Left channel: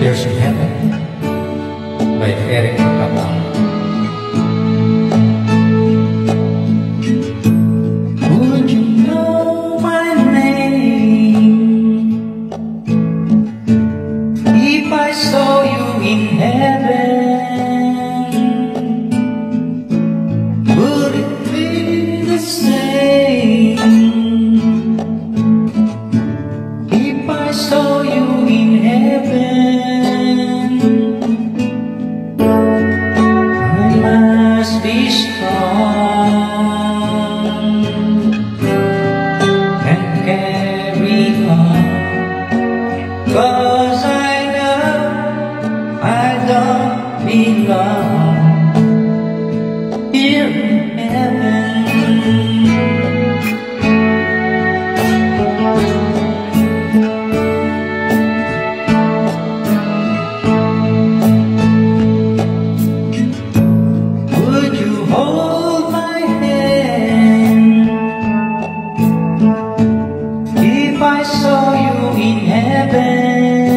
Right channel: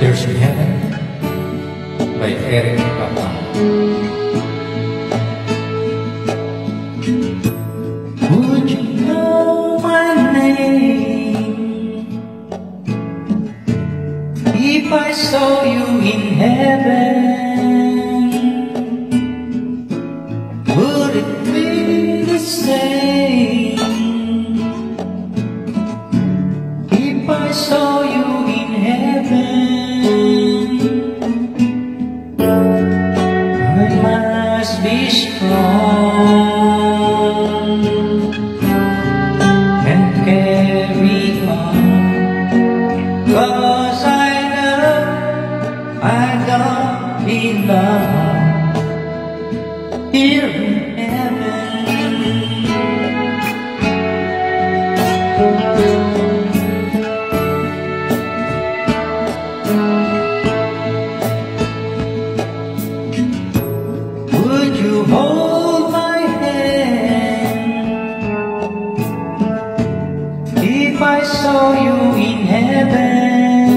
There's Heaven by Eric Capon. Would you know my name if I saw you in heaven? Would it be the same if I saw you in heaven? Must be strong and carry on, 'cause I know I don't belong here in heaven. Hold my hand if I saw you in heaven.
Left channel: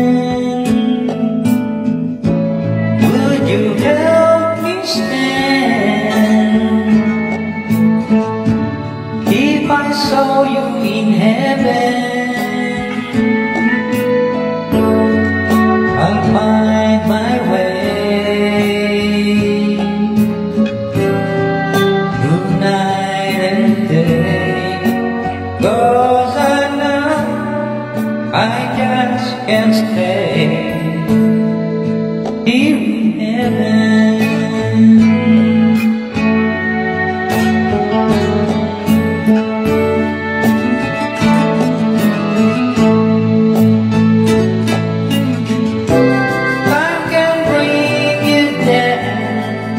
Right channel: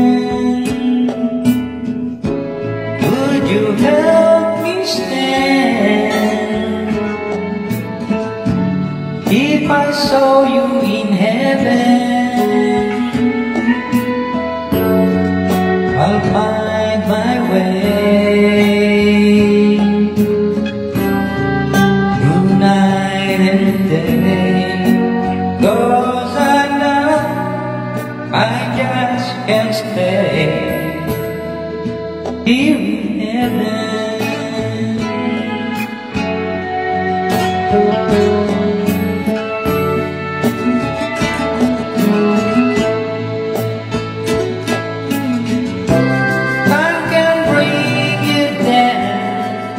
Would you help me stand if I saw you in heaven? I'll find my way night and day, 'cause I know I just can't stay here in heaven. Time can bring you down,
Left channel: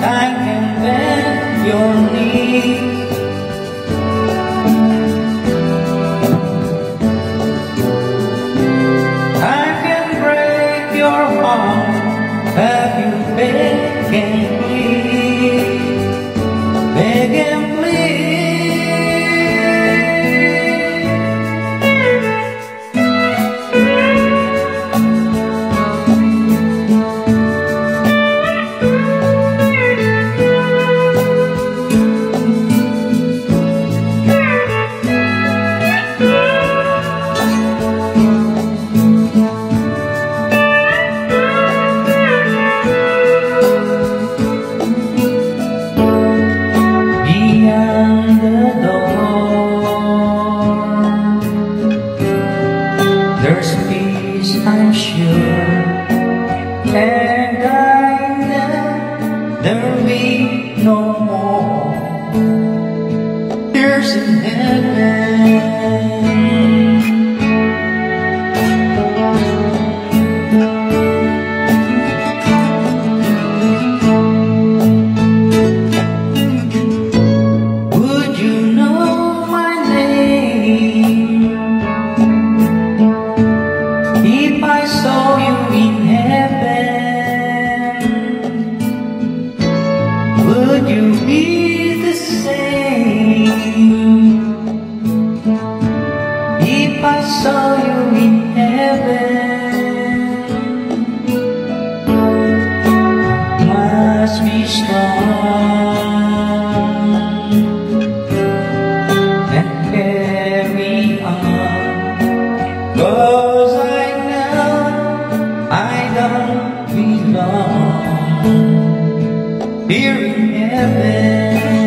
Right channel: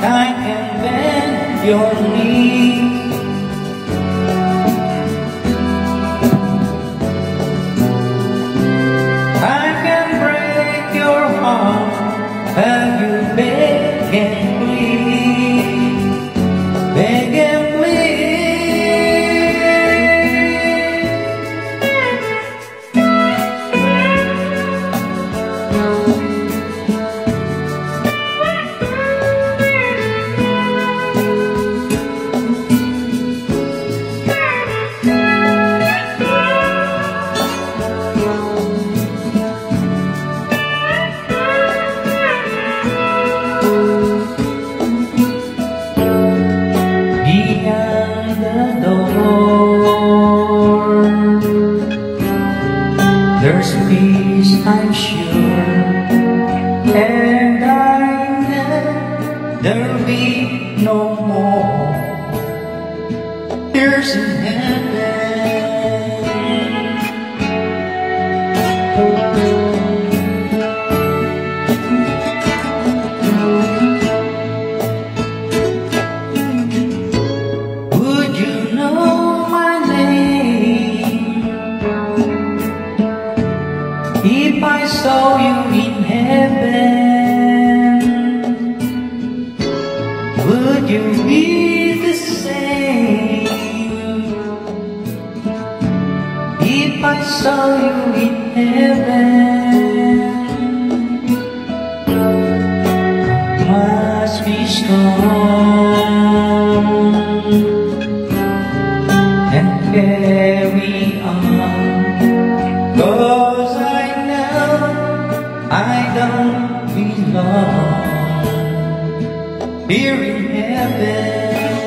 time can bend your knees. Time can break your heart. Have you beg and plead, beg and plead? Beyond the door, there's peace, I'm sure, and I know there'll be no more tears in heaven. If I saw you in heaven, would you be the same? If I saw you in heaven, I must be strong and carry on, 'cause I don't belong here in heaven.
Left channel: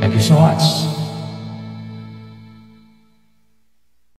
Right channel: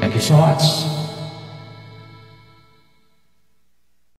Thank you so much.